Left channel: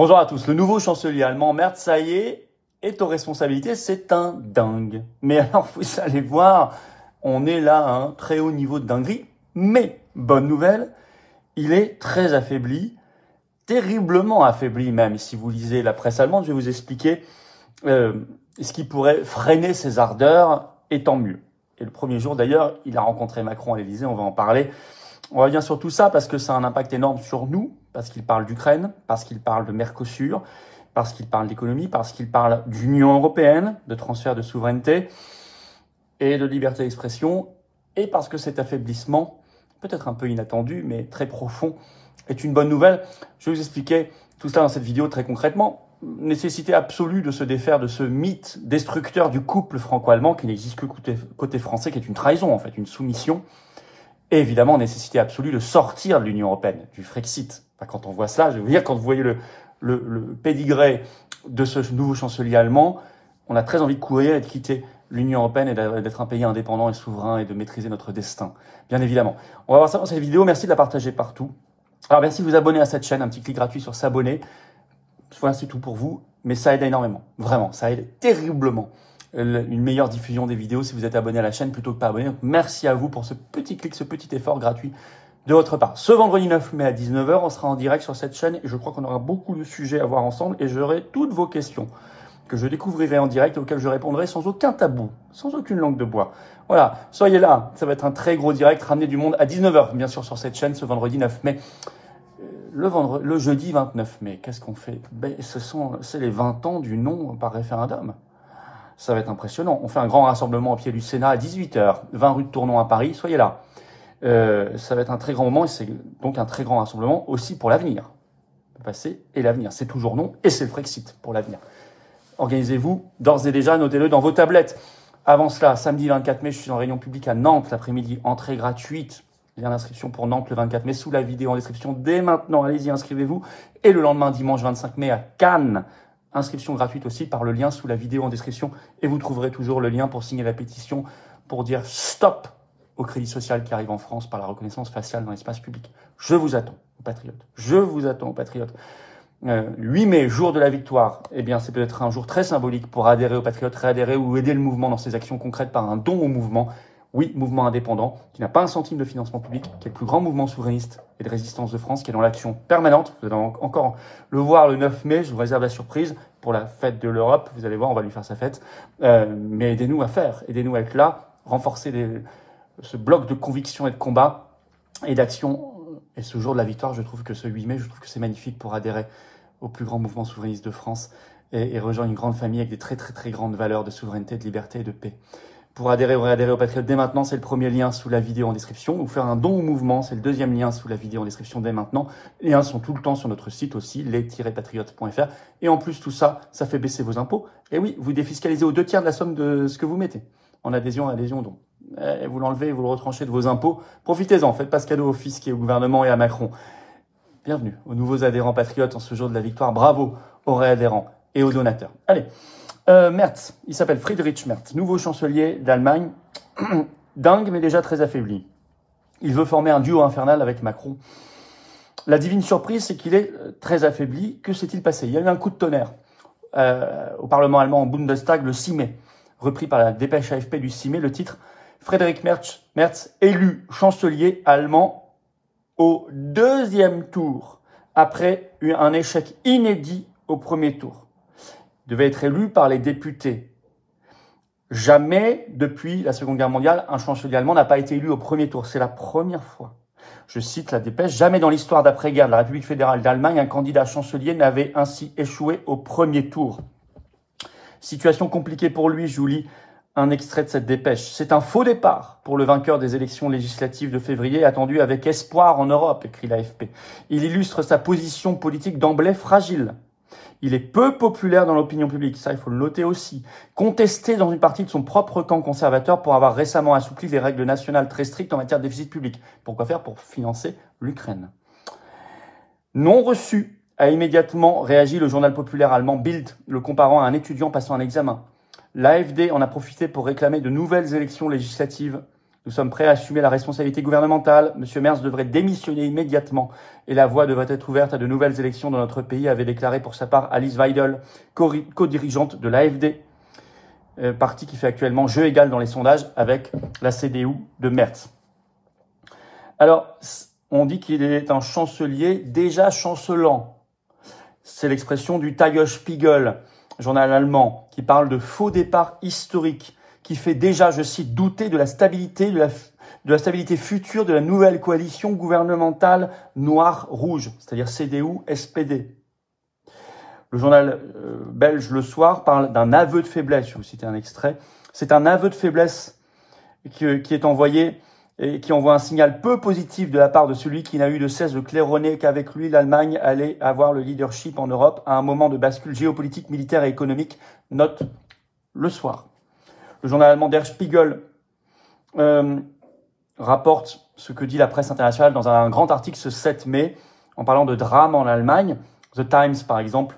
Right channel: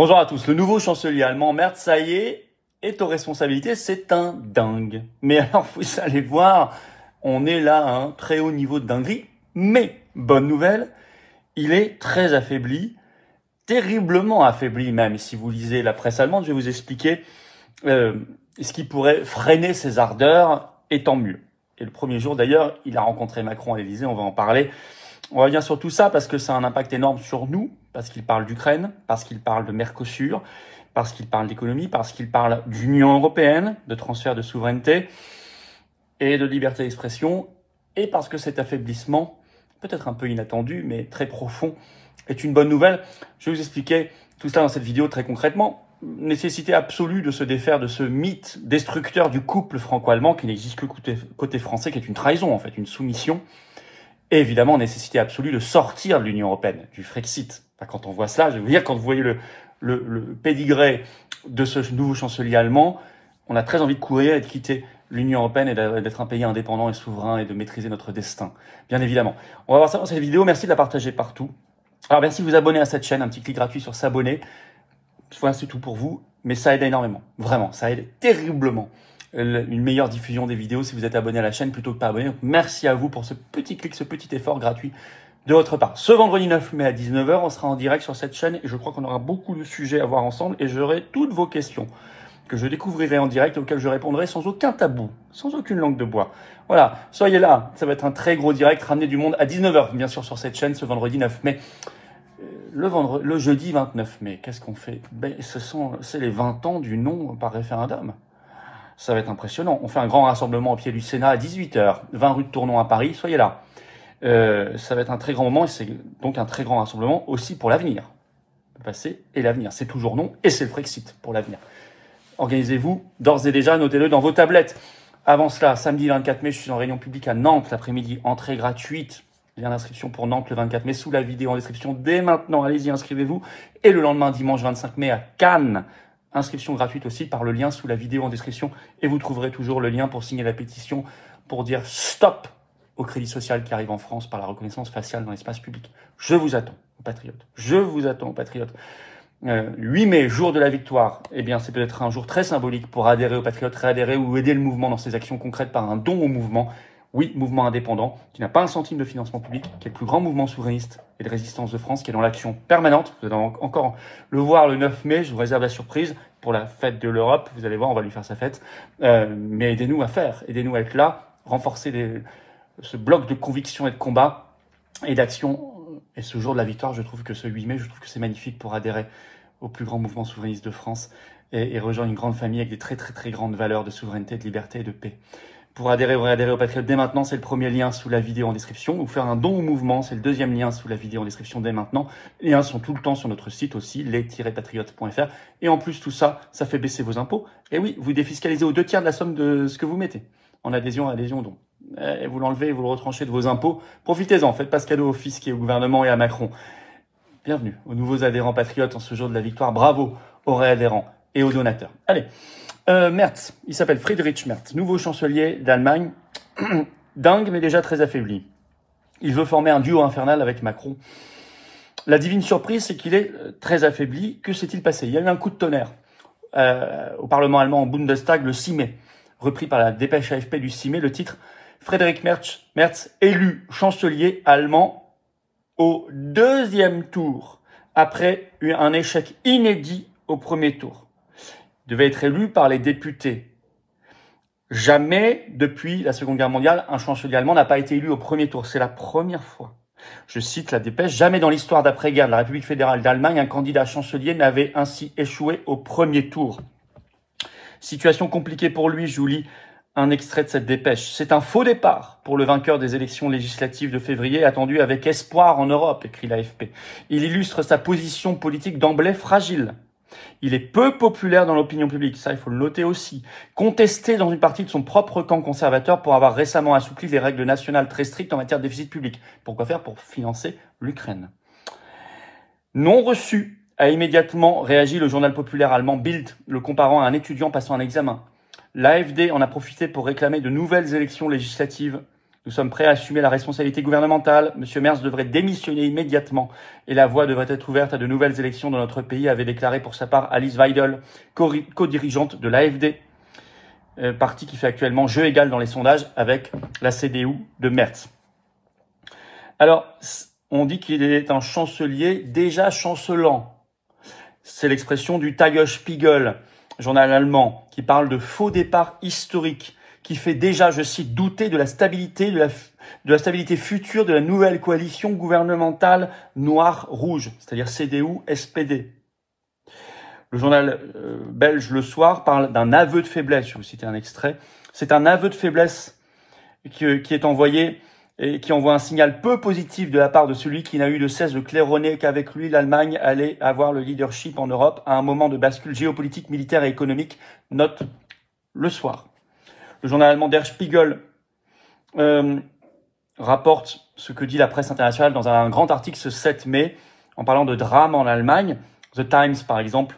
Bonjour à tous. Le nouveau chancelier allemand, Merz, ça y est aux responsabilités. C'est un dingue. Mais alors, vous allez voir, on est là à un très haut niveau de dinguerie. Mais, bonne nouvelle, il est très affaibli, terriblement affaibli même. Si vous lisez la presse allemande, je vais vous expliquer ce qui pourrait freiner ses ardeurs, et tant mieux. Et le premier jour, d'ailleurs, il a rencontré Macron à l'Élysée, on va en parler. On revient sur tout ça parce que ça a un impact énorme sur nous, parce qu'il parle d'Ukraine, parce qu'il parle de Mercosur, parce qu'il parle d'économie, parce qu'il parle d'Union européenne, de transfert de souveraineté et de liberté d'expression, et parce que cet affaiblissement, peut-être un peu inattendu, mais très profond, est une bonne nouvelle. Je vais vous expliquer tout cela dans cette vidéo très concrètement. Nécessité absolue de se défaire de ce mythe destructeur du couple franco-allemand qui n'existe que côté français, qui est une trahison en fait, une soumission. Et évidemment, nécessité absolue de sortir de l'Union européenne, du Frexit. Enfin, quand on voit cela, je vais vous dire, quand vous voyez le pédigré de ce nouveau chancelier allemand, on a très envie de courir et de quitter l'Union européenne et d'être un pays indépendant et souverain et de maîtriser notre destin, bien évidemment. On va voir ça dans cette vidéo. Merci de la partager partout. Alors, merci de vous abonner à cette chaîne. Un petit clic gratuit sur s'abonner. Voilà, c'est tout pour vous. Mais ça aide énormément. Vraiment, ça aide terriblement. Une meilleure diffusion des vidéos si vous êtes abonné à la chaîne plutôt que pas abonné. Donc, merci à vous pour ce petit clic, ce petit effort gratuit de votre part. Ce vendredi 9 mai à 19 h, on sera en direct sur cette chaîne et je crois qu'on aura beaucoup de sujets à voir ensemble et j'aurai toutes vos questions que je découvrirai en direct et auxquelles je répondrai sans aucun tabou, sans aucune langue de bois. Voilà, soyez là, ça va être un très gros direct, ramener du monde à 19 h, bien sûr, sur cette chaîne ce vendredi 9 mai. Le jeudi 29 mai, qu'est-ce qu'on fait? C'est les 20 ans du non par référendum. Ça va être impressionnant. On fait un grand rassemblement au pied du Sénat à 18 h, 20 rue de Tournon à Paris. Soyez là. Ça va être un très grand moment et c'est donc un très grand rassemblement aussi pour l'avenir. Le passé et l'avenir. C'est toujours non et c'est le Frexit pour l'avenir. Organisez-vous d'ores et déjà, notez-le dans vos tablettes. Avant cela, samedi 24 mai, je suis en réunion publique à Nantes l'après-midi. Entrée gratuite. Lien d'inscription pour Nantes le 24 mai sous la vidéo en description. Dès maintenant, allez-y, inscrivez-vous. Et le lendemain, dimanche 25 mai à Cannes. Inscription gratuite aussi par le lien sous la vidéo en description. Et vous trouverez toujours le lien pour signer la pétition pour dire stop au crédit social qui arrive en France par la reconnaissance faciale dans l'espace public. Je vous attends, patriotes. Je vous attends, patriotes. 8 mai, jour de la victoire. Eh bien, c'est peut-être un jour très symbolique pour adhérer aux patriotes, réadhérer ou aider le mouvement dans ses actions concrètes par un don au mouvement. Oui, mouvement indépendant, qui n'a pas un centime de financement public, qui est le plus grand mouvement souverainiste et de résistance de France, qui est dans l'action permanente. Vous allez encore le voir le 9 mai, je vous réserve la surprise pour la fête de l'Europe. Vous allez voir, on va lui faire sa fête. Mais aidez-nous à faire, aidez-nous à être là, renforcer ce bloc de conviction et de combat et d'action. Et ce jour de la victoire, je trouve que ce 8 mai, je trouve que c'est magnifique pour adhérer au plus grand mouvement souverainiste de France et rejoindre une grande famille avec des très très très grandes valeurs de souveraineté, de liberté et de paix. Pour adhérer ou réadhérer au Patriote dès maintenant, c'est le premier lien sous la vidéo en description. Ou faire un don au mouvement, c'est le deuxième lien sous la vidéo en description dès maintenant. Les liens sont tout le temps sur notre site aussi, les-patriotes.fr. Et en plus, tout ça, ça fait baisser vos impôts. Et oui, vous défiscalisez aux 2/3 de la somme de ce que vous mettez en adhésion à adhésion don. Et vous l'enlevez, vous le retranchez de vos impôts. Profitez-en, faites pas ce cadeau au fisc et au gouvernement et à Macron. Bienvenue aux nouveaux adhérents patriotes en ce jour de la victoire. Bravo aux réadhérents et aux donateurs. Allez. Merz, il s'appelle Friedrich Merz, nouveau chancelier d'Allemagne, dingue mais déjà très affaibli. Il veut former un duo infernal avec Macron. La divine surprise, c'est qu'il est très affaibli. Que s'est-il passé? Il y a eu un coup de tonnerre au Parlement allemand, au Bundestag, le 6 mai, repris par la dépêche AFP du 6 mai, le titre « Friedrich Merz, élu chancelier allemand au deuxième tour, après un échec inédit au premier tour ». Devait être élu par les députés. Jamais, depuis la Seconde Guerre mondiale, un chancelier allemand n'a pas été élu au premier tour. C'est la première fois. Je cite la dépêche. Jamais dans l'histoire d'après-guerre de la République fédérale d'Allemagne, un candidat chancelier n'avait ainsi échoué au premier tour. Situation compliquée pour lui, je vous lis un extrait de cette dépêche. C'est un faux départ pour le vainqueur des élections législatives de février, attendu avec espoir en Europe, écrit l'AFP. Il illustre sa position politique d'emblée fragile. Il est peu populaire dans l'opinion publique, ça il faut le noter aussi. Contesté dans une partie de son propre camp conservateur pour avoir récemment assoupli les règles nationales très strictes en matière de déficit public. Pourquoi faire? Pour financer l'Ukraine. Non reçu, a immédiatement réagi le journal populaire allemand Bild, le comparant à un étudiant passant un examen. L'AfD en a profité pour réclamer de nouvelles élections législatives Nous sommes prêts à assumer la responsabilité gouvernementale. Monsieur Merz devrait démissionner immédiatement et la voie devrait être ouverte à de nouvelles élections dans notre pays, avait déclaré pour sa part Alice Weidel, co-dirigeante de l'AfD, parti qui fait actuellement jeu égal dans les sondages avec la CDU de Merz. Alors, on dit qu'il est un chancelier déjà chancelant. C'est l'expression du Tagesspiegel, journal allemand, qui parle de faux départ historique, qui fait déjà, je cite, douter de la stabilité, de la stabilité future de la nouvelle coalition gouvernementale noire-rouge, c'est-à-dire CDU-SPD. Le journal belge Le Soir parle d'un aveu de faiblesse, je vais vous citer un extrait. C'est un aveu de faiblesse qui est envoyé et qui envoie un signal peu positif de la part de celui qui n'a eu de cesse de claironner qu'avec lui, l'Allemagne allait avoir le leadership en Europe à un moment de bascule géopolitique, militaire et économique, note Le Soir. Le journal allemand Der Spiegel rapporte ce que dit la presse internationale dans un grand article ce 7 mai en parlant de drame en Allemagne. The Times, par exemple,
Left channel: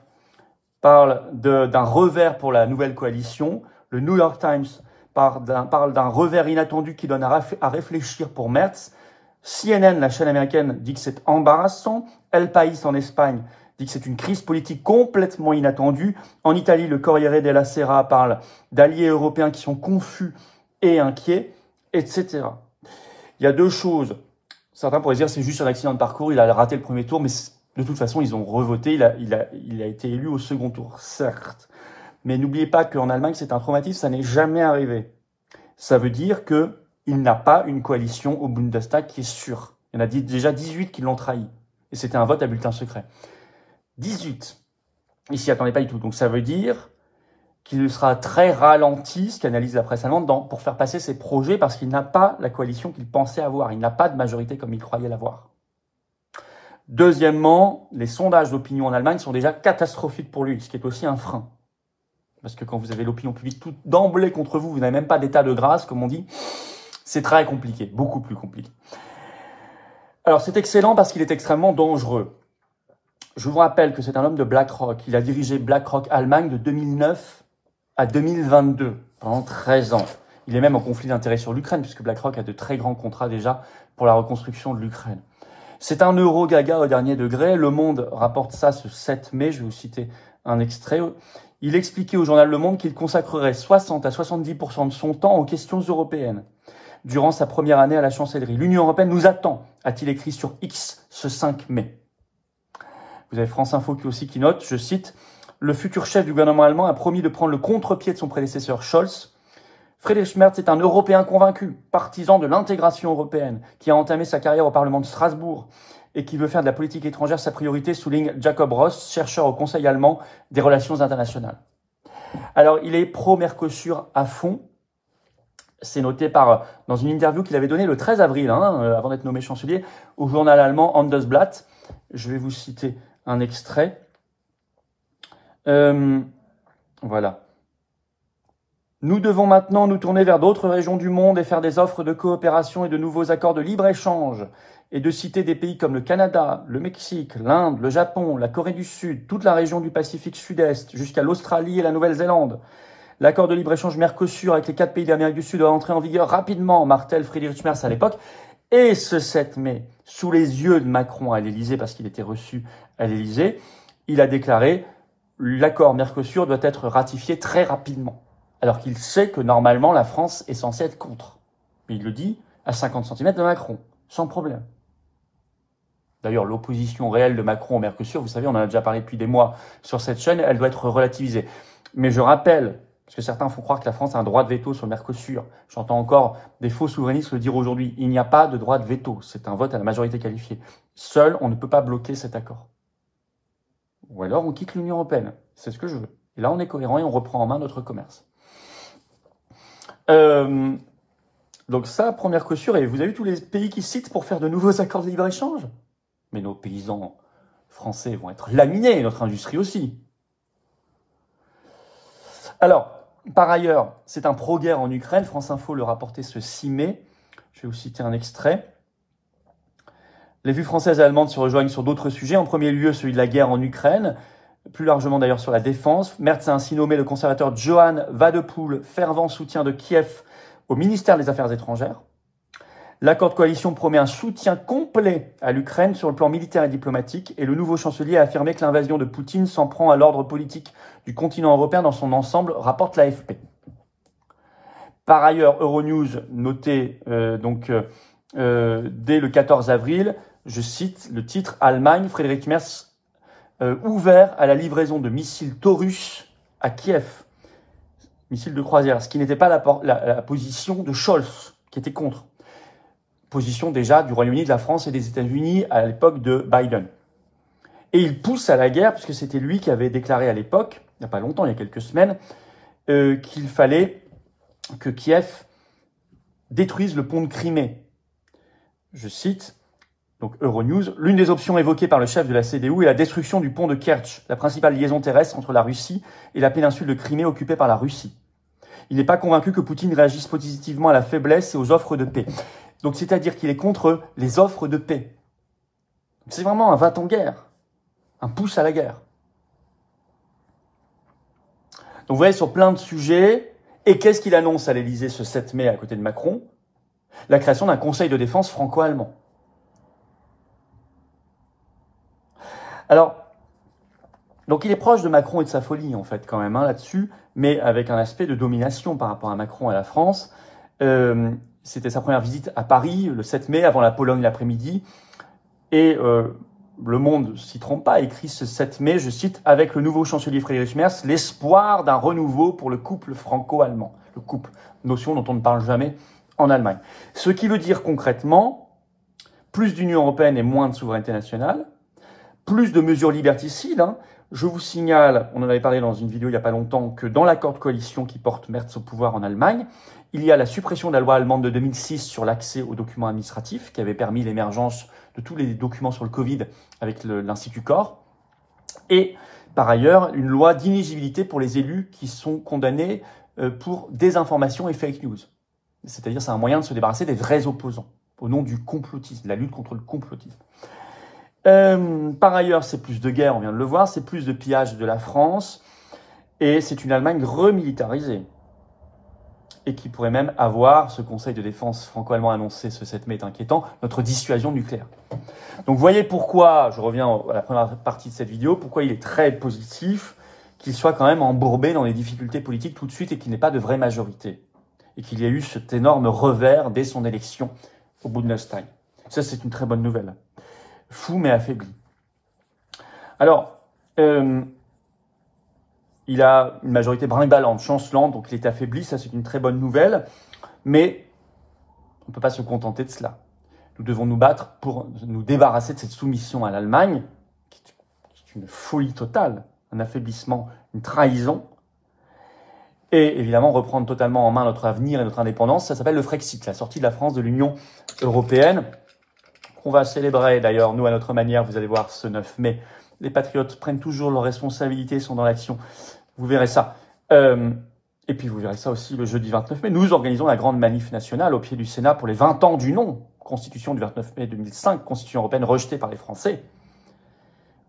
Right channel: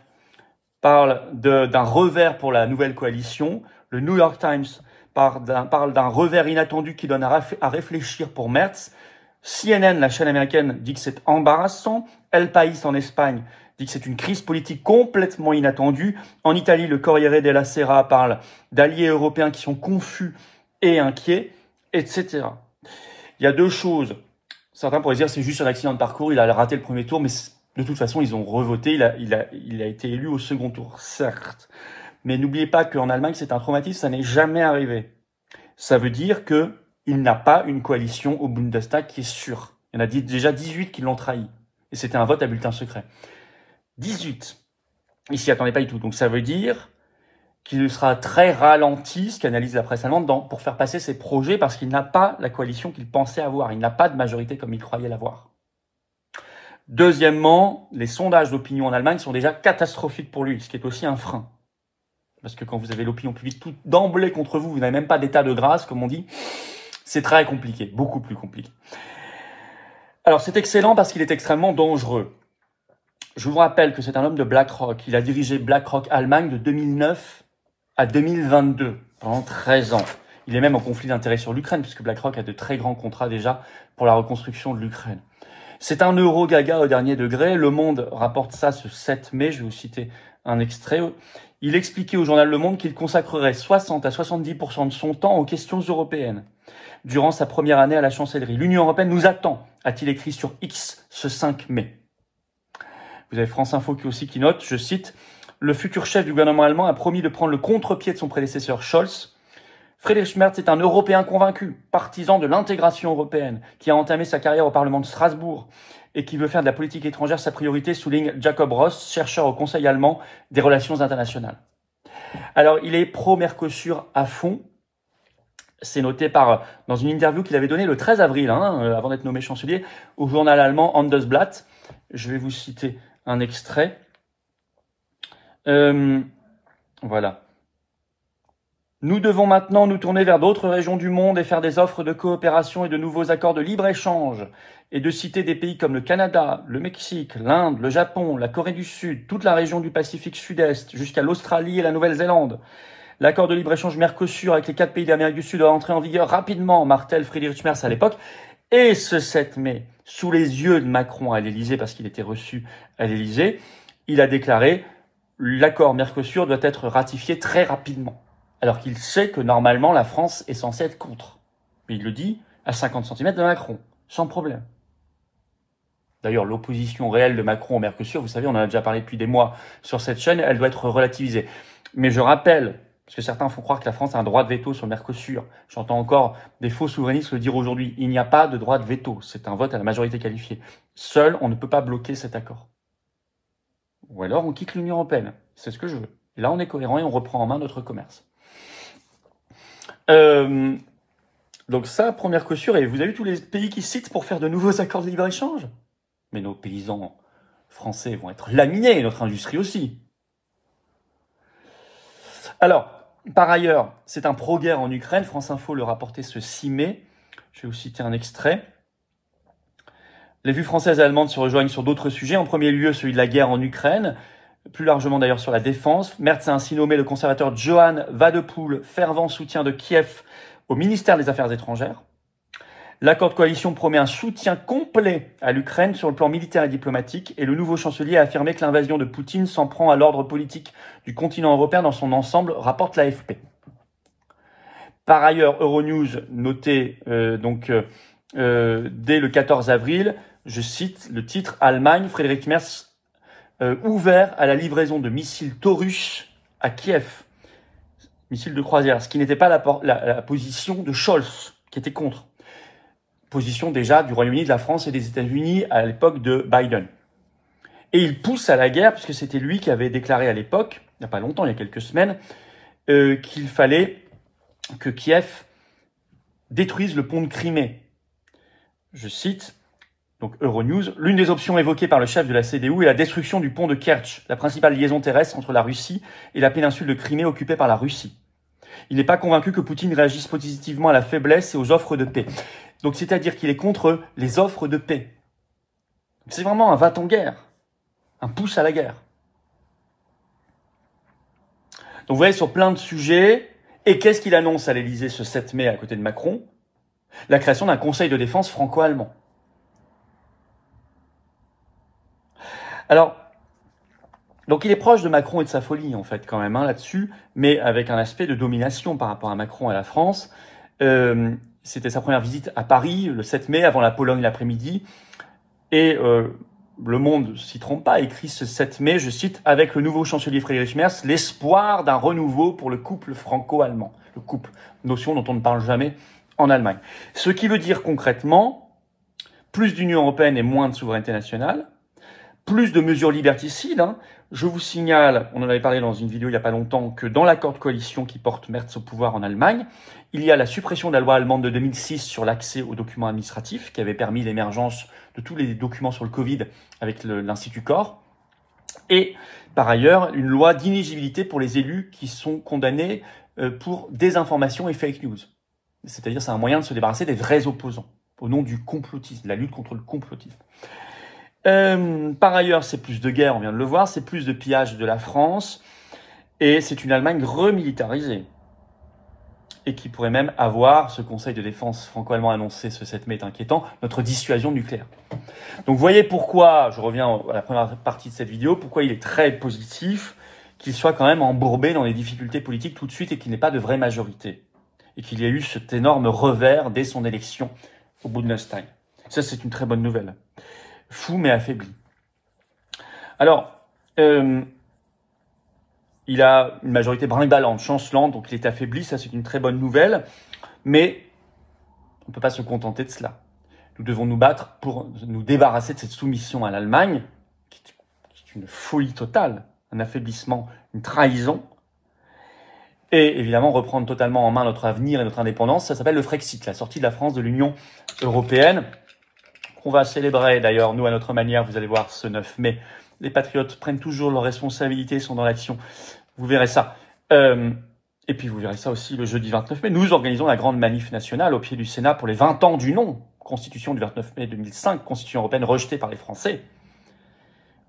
parle d'un revers pour la nouvelle coalition. Le New York Times parle d'un revers inattendu qui donne à réfléchir pour Merz. CNN, la chaîne américaine, dit que c'est embarrassant. El País en Espagne dit que c'est une crise politique complètement inattendue. En Italie, le Corriere della Sera parle d'alliés européens qui sont confus et inquiets, etc. Il y a deux choses. Certains pourraient dire que c'est juste un accident de parcours, il a raté le premier tour, mais de toute façon, ils ont revoté, il a été élu au second tour, certes. Mais n'oubliez pas qu'en Allemagne, c'est un traumatisme, ça n'est jamais arrivé. Ça veut dire qu'il n'a pas une coalition au Bundestag qui est sûre. Il y en a déjà 18 qui l'ont trahi. Et c'était un vote à bulletin secret. 18. Il s'y attendait pas du tout. Donc ça veut dire qu'il sera très ralenti, ce qu'analyse la presse allemande, pour faire passer ses projets parce qu'il n'a pas la coalition qu'il pensait avoir. Il n'a pas de majorité comme il croyait l'avoir. Deuxièmement, les sondages d'opinion en Allemagne sont déjà catastrophiques pour lui, ce qui est aussi un frein. Parce que quand vous avez l'opinion publique tout d'emblée contre vous, vous n'avez même pas d'état de grâce, comme on dit, c'est très compliqué, beaucoup plus compliqué. Alors c'est excellent parce qu'il est extrêmement dangereux. Je vous rappelle que c'est un homme de BlackRock. Il a dirigé BlackRock Allemagne de 2009 à 2022, pendant 13 ans. Il est même en conflit d'intérêts sur l'Ukraine, puisque BlackRock a de très grands contrats déjà pour la reconstruction de l'Ukraine. C'est un euro-gaga au dernier degré. Le Monde rapporte ça ce 7 mai, je vais vous citer un extrait. Il expliquait au journal Le Monde qu'il consacrerait 60 à 70% de son temps aux questions européennes durant sa première année à la chancellerie. L'Union européenne nous attend, a-t-il écrit sur X ce 5 mai. Vous avez France Info qui note, je cite, « Le futur chef du gouvernement allemand a promis de prendre le contre-pied de son prédécesseur Scholz. Friedrich Merz est un Européen convaincu, partisan de l'intégration européenne, qui a entamé sa carrière au Parlement de Strasbourg et qui veut faire de la politique étrangère sa priorité, souligne Jacob Ross, chercheur au Conseil allemand des relations internationales. » Alors, il est pro-Mercosur à fond. C'est noté dans une interview qu'il avait donnée le 13 avril, avant d'être nommé chancelier, au journal allemand Handelsblatt. Je vais vous citer un extrait. Voilà. Nous devons maintenant nous tourner vers d'autres régions du monde et faire des offres de coopération et de nouveaux accords de libre-échange et de citer des pays comme le Canada, le Mexique, l'Inde, le Japon, la Corée du Sud, toute la région du Pacifique Sud-Est, jusqu'à l'Australie et la Nouvelle-Zélande. L'accord de libre-échange Mercosur avec les 4 pays d'Amérique du Sud doit entrer en vigueur rapidement, martèle Friedrich Merz à l'époque. Et ce 7 mai, sous les yeux de Macron à l'Élysée, parce qu'il était reçu à l'Élysée, il a déclaré « l'accord Mercosur doit être ratifié très rapidement ». Alors qu'il sait que normalement la France est censée être contre. Mais il le dit à 50 cm de Macron, sans problème. D'ailleurs, l'opposition réelle de Macron au Mercosur, vous savez, on en a déjà parlé depuis des mois sur cette chaîne, elle doit être relativisée. Mais je rappelle, parce que certains font croire que la France a un droit de veto sur le Mercosur. J'entends encore des faux souverainistes le dire aujourd'hui. Il n'y a pas de droit de veto, c'est un vote à la majorité qualifiée. Seul, on ne peut pas bloquer cet accord. Ou alors, on quitte l'Union européenne. C'est ce que je veux. Et là, on est cohérent et on reprend en main notre commerce. Donc ça, pour Mercosur, et vous avez vu tous les pays qui citent pour faire de nouveaux accords de libre-échange. Mais nos paysans français vont être laminés, et notre industrie aussi. Alors, par ailleurs, c'est un pro-guerre en Ukraine. France Info le rapportait ce 6 mai. Je vais vous citer un extrait. Les vues françaises et allemandes se rejoignent sur d'autres sujets. En premier lieu, celui de la guerre en Ukraine. Plus largement d'ailleurs sur la défense. Merz a ainsi nommé le conservateur Johann Wadepool, fervent soutien de Kiev, au ministère des Affaires étrangères. L'accord de coalition promet un soutien complet à l'Ukraine sur le plan militaire et diplomatique, et le nouveau chancelier a affirmé que l'invasion de Poutine s'en prend à l'ordre politique du continent européen dans son ensemble, rapporte l'AFP. Par ailleurs, Euronews notait dès le 14 avril, je cite le titre « Allemagne, Friedrich Merz ouvert à la livraison de missiles Taurus à Kiev ». Missiles de croisière, ce qui n'était pas la position de Scholz, qui était contre. Position déjà du Royaume-Uni, de la France et des États-Unis à l'époque de Biden. Et il pousse à la guerre, puisque c'était lui qui avait déclaré à l'époque, il n'y a pas longtemps, il y a quelques semaines, qu'il fallait que Kiev détruise le pont de Crimée. Je cite, donc Euronews, « L'une des options évoquées par le chef de la CDU est la destruction du pont de Kerch, la principale liaison terrestre entre la Russie et la péninsule de Crimée occupée par la Russie. Il n'est pas convaincu que Poutine réagisse positivement à la faiblesse et aux offres de paix. » Donc, c'est-à-dire qu'il est contre les offres de paix. C'est vraiment un va-t-en-guerre, un pouce à la guerre. Donc, vous voyez, sur plein de sujets, et qu'est-ce qu'il annonce à l'Élysée ce 7 mai à côté de Macron? La création d'un conseil de défense franco-allemand. Alors, donc il est proche de Macron et de sa folie, en fait, quand même, là-dessus, mais avec un aspect de domination par rapport à Macron et à la France. C'était sa première visite à Paris, le 7 mai, avant la Pologne l'après-midi. Et Le Monde ne s'y trompe pas, écrit ce 7 mai, je cite, « Avec le nouveau chancelier Friedrich Merz, l'espoir d'un renouveau pour le couple franco-allemand. » Le couple, notion dont on ne parle jamais en Allemagne. Ce qui veut dire concrètement plus d'Union européenne et moins de souveraineté nationale, plus de mesures liberticides. Je vous signale, on en avait parlé dans une vidéo il n'y a pas longtemps, que dans l'accord de coalition qui porte Merz au pouvoir en Allemagne, il y a la suppression de la loi allemande de 2006 sur l'accès aux documents administratifs, qui avait permis l'émergence de tous les documents sur le Covid avec l'Institut Corps. Et par ailleurs, une loi d'inéligibilité pour les élus qui sont condamnés pour désinformation et fake news. C'est-à-dire, c'est un moyen de se débarrasser des vrais opposants, au nom du complotisme, de la lutte contre le complotisme. Par ailleurs, c'est plus de guerre, on vient de le voir, c'est plus de pillage de la France, et c'est une Allemagne remilitarisée, et qui pourrait même avoir, ce conseil de défense franco-allemand annoncé ce 7 mai est inquiétant, notre dissuasion nucléaire. Donc vous voyez pourquoi, je reviens à la première partie de cette vidéo, pourquoi il est très positif qu'il soit quand même embourbé dans les difficultés politiques tout de suite et qu'il n'ait pas de vraie majorité, et qu'il y ait eu cet énorme revers dès son élection au Bundestag. Ça, c'est une très bonne nouvelle. Fou mais affaibli. Alors, il a une majorité brinque-ballante, chancelante, donc il est affaibli, ça c'est une très bonne nouvelle, mais on ne peut pas se contenter de cela. Nous devons nous battre pour nous débarrasser de cette soumission à l'Allemagne, qui est une folie totale, un affaiblissement, une trahison, et évidemment reprendre totalement en main notre avenir et notre indépendance. Ça s'appelle le Frexit, la sortie de la France de l'Union européenne. On va célébrer d'ailleurs, nous à notre manière, vous allez voir ce 9 mai. Les patriotes prennent toujours leurs responsabilités, sont dans l'action. Vous verrez ça. Et puis vous verrez ça aussi le jeudi 29 mai. Nous organisons la grande manif nationale au pied du Sénat pour les 20 ans du non. Constitution du 29 mai 2005, Constitution européenne rejetée par les Français.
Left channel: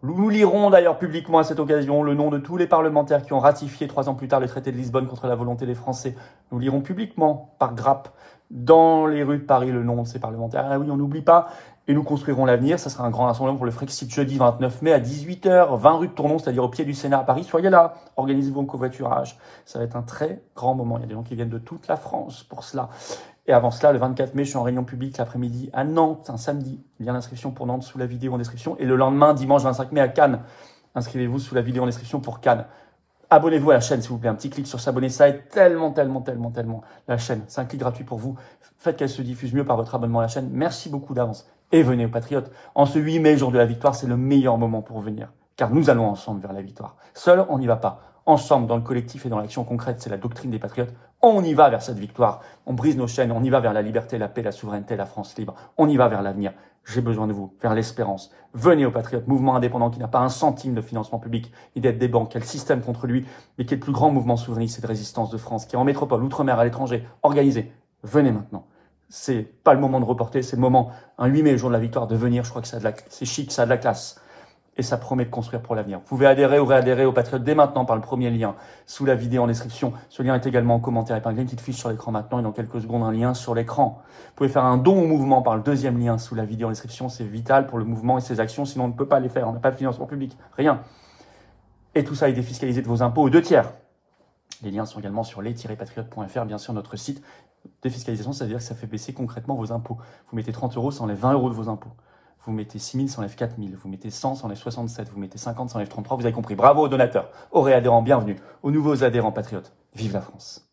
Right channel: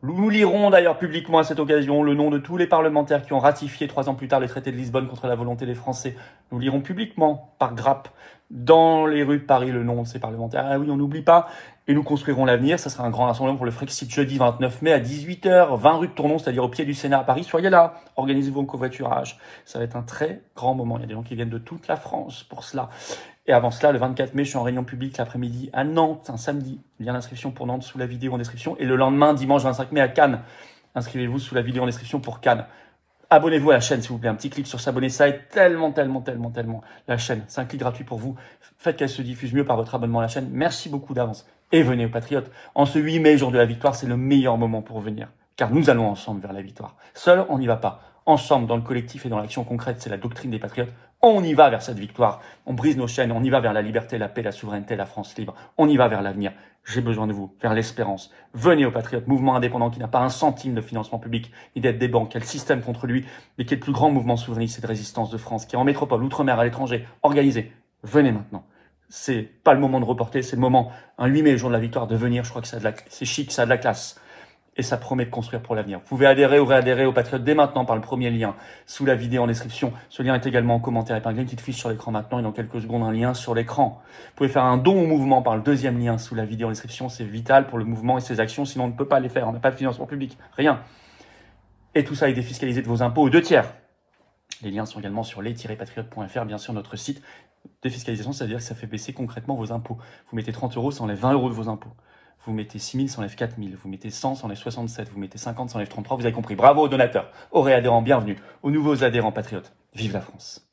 Nous lirons d'ailleurs publiquement à cette occasion le nom de tous les parlementaires qui ont ratifié 3 ans plus tard le traité de Lisbonne contre la volonté des Français. Nous lirons publiquement, par grappe, dans les rues de Paris, le nom de ces parlementaires. Ah oui, on n'oublie pas. Et nous construirons l'avenir. Ça sera un grand rassemblement pour le Frexit jeudi 29 mai à 18h, 20 rue de Tournon, c'est-à-dire au pied du Sénat à Paris. Soyez là, organisez-vous en covoiturage. Ça va être un très grand moment. Il y a des gens qui viennent de toute la France pour cela. Et avant cela, le 24 mai, je suis en réunion publique l'après-midi à Nantes, un samedi. Lien d'inscription pour Nantes sous la vidéo en description. Et le lendemain, dimanche 25 mai à Cannes. Inscrivez-vous sous la vidéo en description pour Cannes. Abonnez-vous à la chaîne, s'il vous plaît. Un petit clic sur s'abonner, ça aide tellement la chaîne. C'est un clic gratuit pour vous. Faites qu'elle se diffuse mieux par votre abonnement à la chaîne. Merci beaucoup d'avance. Et venez aux Patriotes. En ce 8 mai, jour de la victoire, c'est le meilleur moment pour venir. Car nous allons ensemble vers la victoire. Seul, on n'y va pas. Ensemble, dans le collectif et dans l'action concrète, c'est la doctrine des Patriotes. On y va vers cette victoire. On brise nos chaînes, on y va vers la liberté, la paix, la souveraineté, la France libre. On y va vers l'avenir. J'ai besoin de vous, vers l'espérance. Venez aux Patriotes, mouvement indépendant qui n'a pas un centime de financement public, ni d'aide des banques, qui a le système contre lui, mais qui est le plus grand mouvement souverainiste et de résistance de France, qui est en métropole, outre-mer, à l'étranger, organisé. Venez maintenant. C'est pas le moment de reporter, c'est le moment, un 8 mai, le jour de la victoire, de venir. Je crois que ça a c'est chic, ça a de la classe. et ça promet de construire pour l'avenir. Vous pouvez adhérer ou réadhérer au Patriote dès maintenant par le premier lien sous la vidéo en description. Ce lien est également en commentaire épinglé, une petite fiche sur l'écran maintenant et dans quelques secondes un lien sur l'écran. Vous pouvez faire un don au mouvement par le deuxième lien sous la vidéo en description. C'est vital pour le mouvement et ses actions, sinon on ne peut pas les faire. On n'a pas de financement public, rien. Et tout ça est défiscalisé de vos impôts aux 2/3. Les liens sont également sur les-patriotes.fr, bien sûr, notre site. Défiscalisation, ça veut dire que ça fait baisser concrètement vos impôts. Vous mettez 30 €, ça enlève 20 € de vos impôts. Vous mettez 6 000, ça enlève 4 000. Vous mettez 100, ça enlève 67. Vous mettez 50, ça enlève 33. Vous avez compris. Bravo aux donateurs, aux réadhérents, bienvenue. Aux nouveaux adhérents patriotes. Vive la France.